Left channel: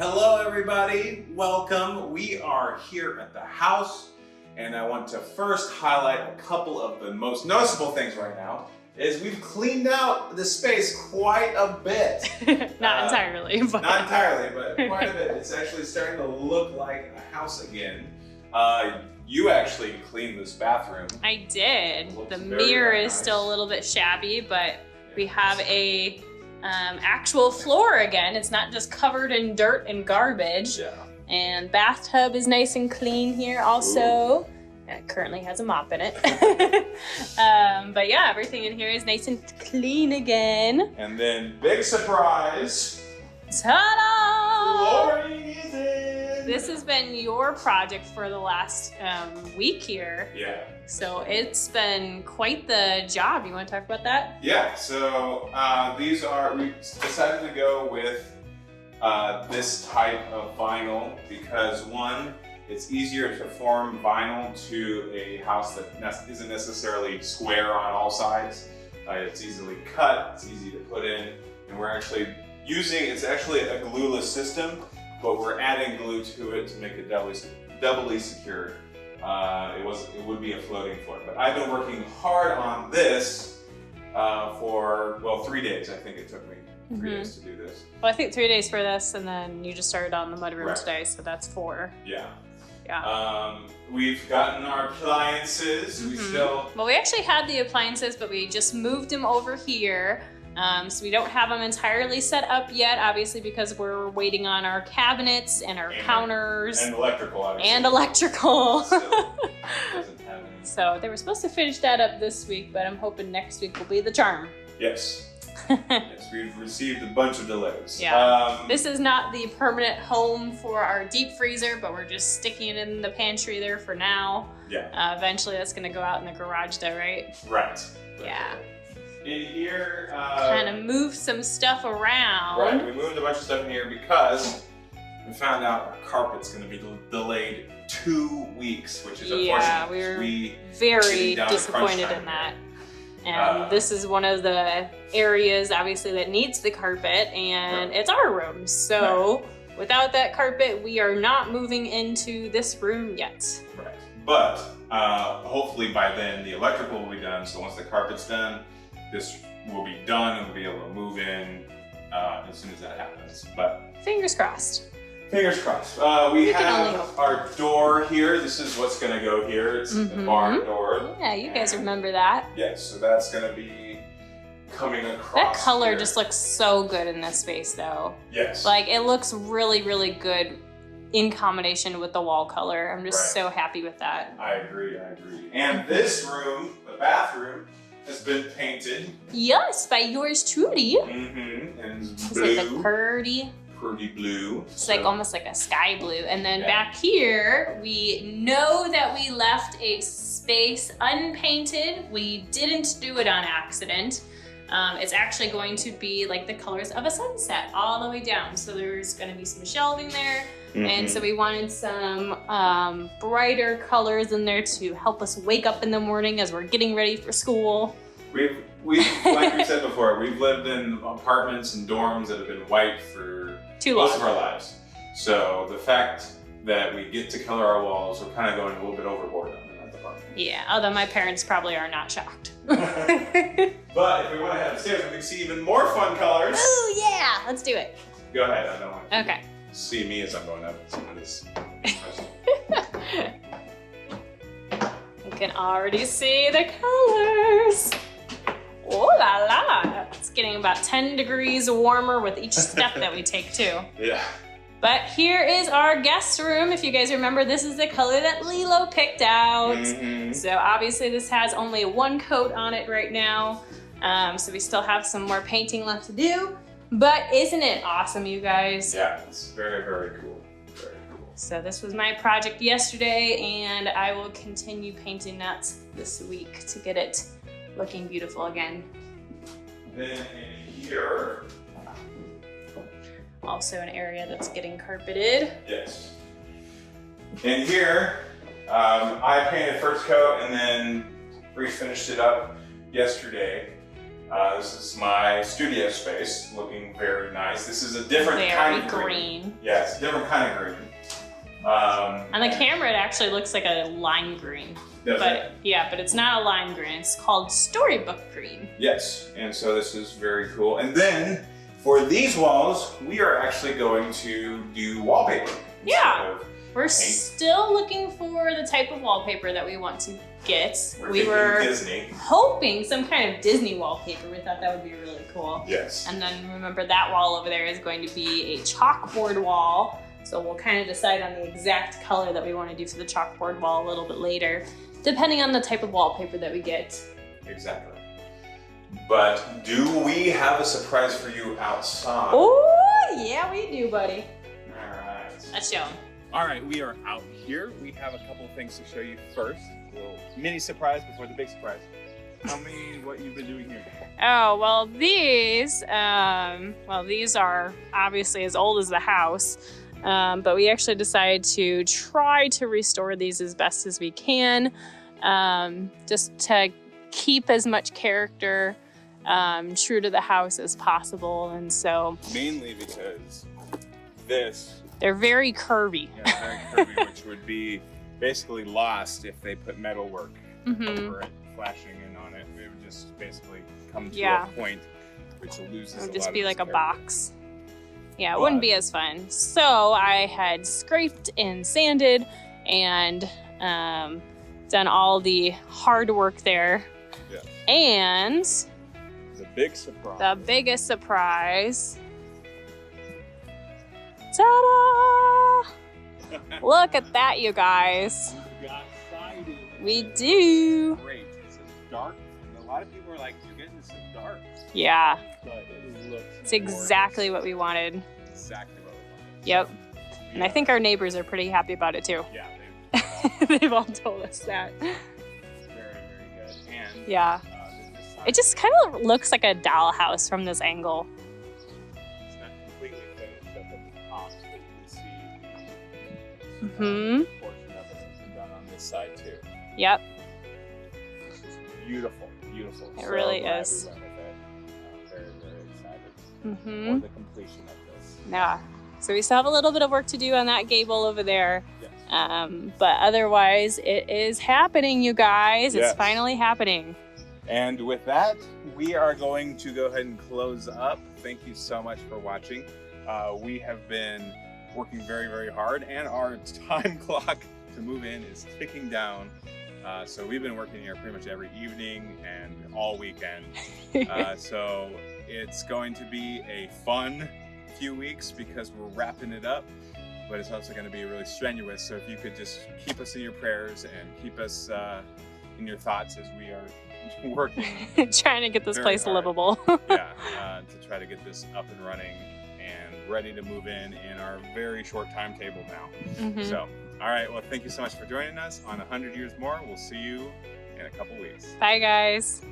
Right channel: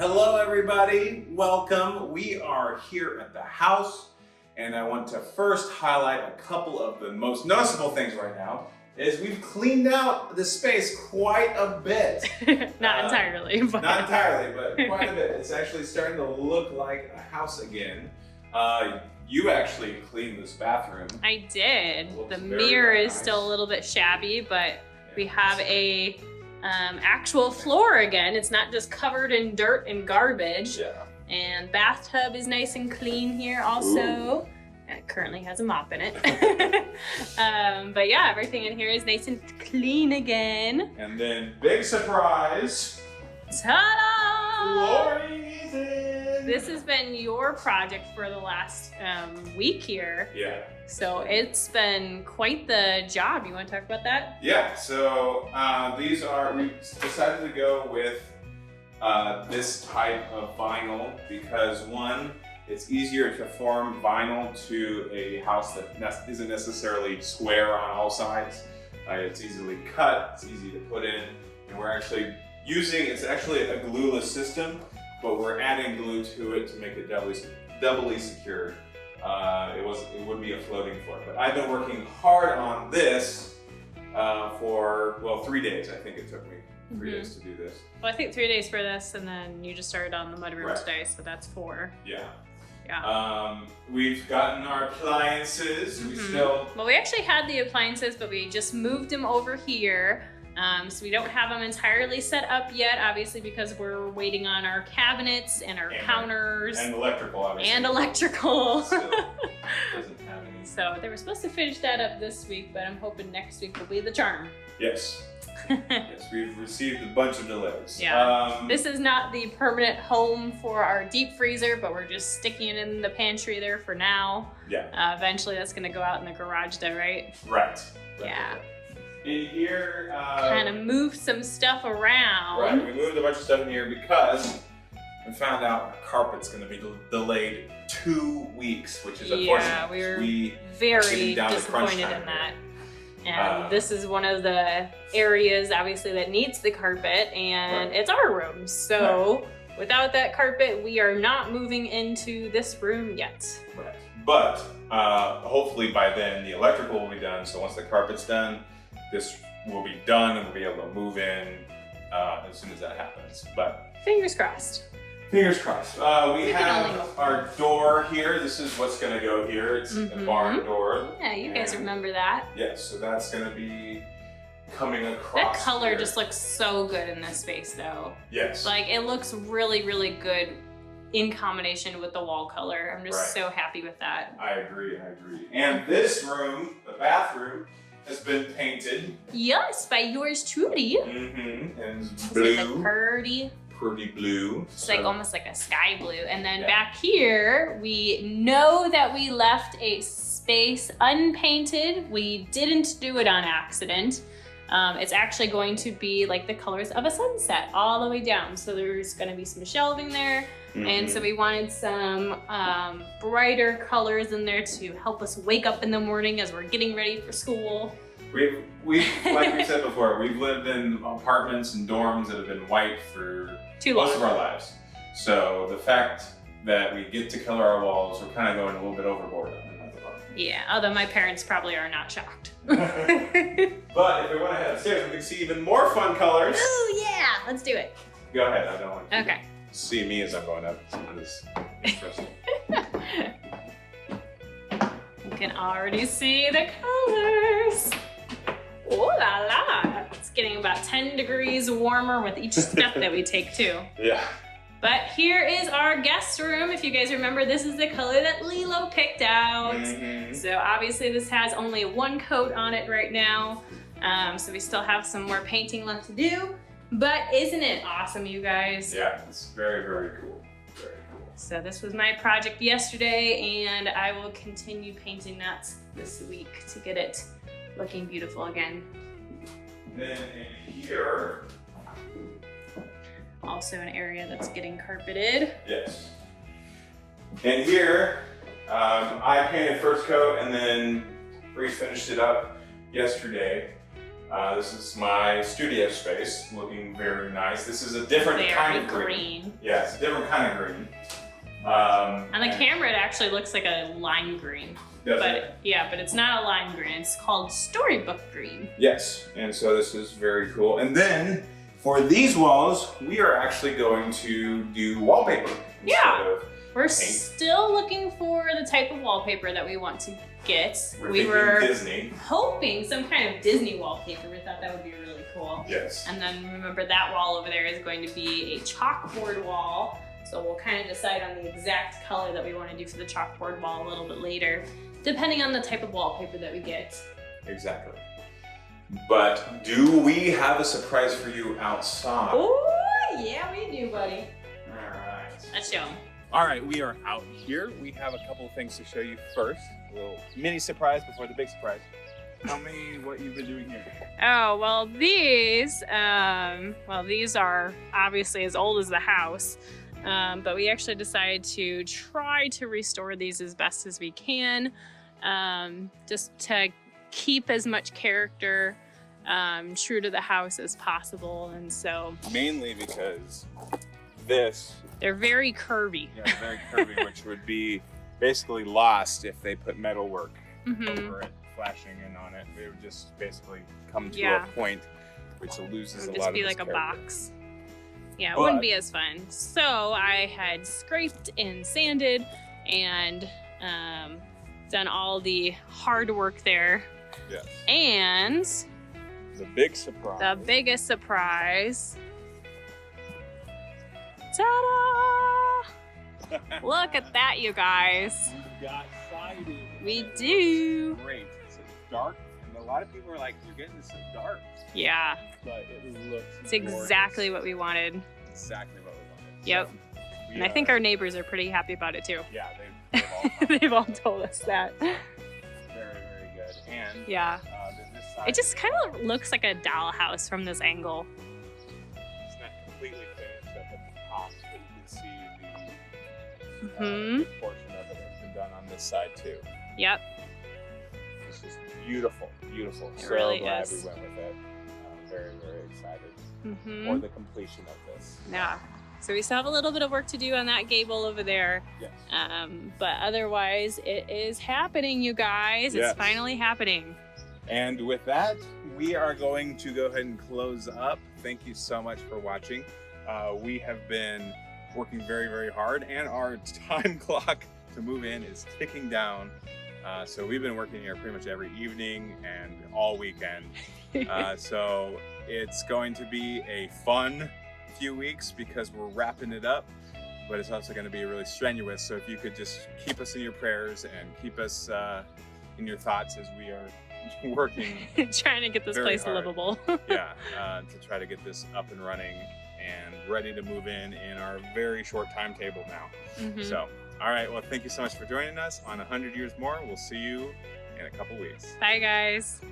Hello everybody, welcome. We are here at the house and I want to first highlight a couple of the most noticeable things right now is we've cleaned out the space quite a bit. Not entirely, but... Not entirely, but quite a bit. It's actually starting to look like a house again. You actually cleaned this bathroom. I did. Looks The very, mirror very is nice. still a little bit shabby, but we have a actual floor again. It's not just covered in dirt and garbage. Yeah. And bathtub is nice and clean here also. It currently has a mop in it. But yeah, everything in here is nice and clean again. And then big surprise, Ta-da! flooring is in. This has been your project for the last week here. Yeah. So it's been quite the job. You want to talk about that? Yeah, so we decided to go with this type of vinyl because one, it's easier to form vinyl to a house that isn't necessarily square on all sides. It's easily cut, it's easy to put in, and we're actually it's actually a glueless system, but we're adding glue to it to make it doubly secure. It would be a floating floor, but I've been working hard on this for, well, 3 days. I think it took me 3 days to do this. Well, I think 3 days for this, and then you just started on the mudroom Right. today, so that's 4. Yeah. Yeah. We've gotten our appliances. We still, Well, we actually had the appliances, but we just moved them over here. So we don't have them entirely set up yet, obviously, because we're waiting on our cabinets and our counters and electrical, obviously. and electrical. Still doesn't have any. So they were supposed to finish that up this week, but I'm hoping next week will be the charm. Yes. Yes, we've received a bunch of delays. Yeah. This is not the permanent home for our deep freezer, but we're just sticking it in the pantry there for now. Yeah. Eventually that's gonna go out in the garage though, right? Right. Yeah. In here, Kind of move some stuff around. right, we moved a bunch of stuff in here because we found out our carpet's going to be delayed 2 weeks, which is Yeah, unfortunate. we were very getting down to crunch disappointed time in that. here. And this is one of the areas, obviously, that needs the carpet, and it's our room. So without that carpet, we are not moving into this room yet. Right. But hopefully by then the electrical will be done. So once the carpet's done, this will be done and we'll be able to move in as soon as that happens. But Fingers crossed. fingers crossed. We can only have hope. our door here. This is what's going to go here. It's the barn door. Yeah, you guys And- remember that. Yes, so that's going to be coming across. That color here. just looks so good in this space, though. Yes. Like, it looks really, really good in combination with the wall color. I'm just Right. so happy with that. I agree. And this room, the bathroom, has been painted. Yes, by yours truly. And It's blue. like pretty. Pretty blue. It's like almost like a sky blue. And then Yeah. back here, we know that we left a space unpainted. We didn't do it on accident. It's actually going to be like the colors of a sunset all the way down. So there's going to be some shelving there. And so we wanted some brighter colors in there to help us wake up in the morning as we're getting ready for school. We've like we said before, we've lived in apartments and dorms that have been white for Too most of long. our lives. So the fact that we get to color our walls, we're kind of going a little bit overboard on that department. Yeah, although my parents probably are not shocked. But if we want to head upstairs, we can see even more fun colors. Oh yeah, let's do it. Go ahead, I don't want you Okay. to see me as I'm going up some of this. You can already see the colors. Oh la la! It's getting about 10 degrees warmer with each step that we take too. Yeah. But here is our guest room. If you guys remember, this is the color that Lilo picked out. So obviously this has only one coat on it right now. So we still have some more painting left to do. But isn't it awesome, you guys? Yeah, it's very, very cool. Very cool. So this was my project yesterday, and I will continue painting that this week to get it looking beautiful again. Then in here, Also an area that's getting carpeted. yes. In here, I painted first coat and then Bree finished it up yesterday. This is my studio space, looking very nice. This is a different kind of green. Yeah, it's a different kind of green. On the camera, it actually looks like a lime green. But it's not a lime green. It's called storybook green. Yes, and so this is very cool. And then for these walls, we are actually going to do wallpaper. Yeah. We're still looking for the type of wallpaper that we want to get. We were Disney. hoping some kind of Disney wallpaper. We thought that would be really cool. Yes. And then remember that wall over there is going to be a chalkboard wall. So we'll kind of decide on the exact color that we want to do for the chalkboard wall a little bit later, depending on the type of wallpaper that we get. Exactly. But do we have a surprise for you outside? Oh, yeah, we do, buddy. All right. Let's show them. All right, we are out here. We have a couple of things to show you first. A little mini surprise before the big surprise. Tell me what you've been doing here. Oh, well, these are obviously as old as the house, but we actually decided to try to restore these as best as we can, just to keep as much character true to the house as possible. And so mainly because they're very curvy. Yeah, very curvy, which would be basically lost if they put metalwork over it, flashing in on it. It would just basically come to a point which loses a lot of It would just be its like a character. box. Yeah, it wouldn't be as fun. So I had scraped and sanded and done all the hard work there. Yes. And The big surprise. the biggest surprise. Ta-da! Look at that, you guys. We got siding. We do. Great. It's dark, and a lot of people are like, "You're getting this so dark," Yeah, but it looks. it's exactly what we wanted. Exactly what we wanted. Yep. So, And I think our neighbors are pretty happy about it too. Yeah, they've They've all told us that. very, very good. And Yeah. this side It just kind of looks like a dollhouse from this angle. is completely finished at the top, so you can see the Mm-hmm. portion of it that's been done on this side too. Yep. It's just beautiful, beautiful. It really glad is. we went with it. Very, very excited Mm-hmm. for the completion of this. Yeah. So we still have a little bit of work to do on that gable over there. Yes. But otherwise, it is happening, you guys. Yes. It's finally happening. And with that, we are going to go ahead and close up. Thank you so much for watching. We have been working very, very hard, and our time clock to move in is ticking down. So we've been working here pretty much every evening and all weekend. So it's going to be a fun few weeks because we're wrapping it up, but it's also going to be really strenuous. So if you could just keep us in your prayers and keep us in your thoughts as we are working Trying to get this very place hard. livable. to try to get this up and running and ready to move in our very short timetable now. Mhm. So, all right, well, thank you so much for joining us on 100 Years More. We'll see you in a couple weeks. Bye, guys.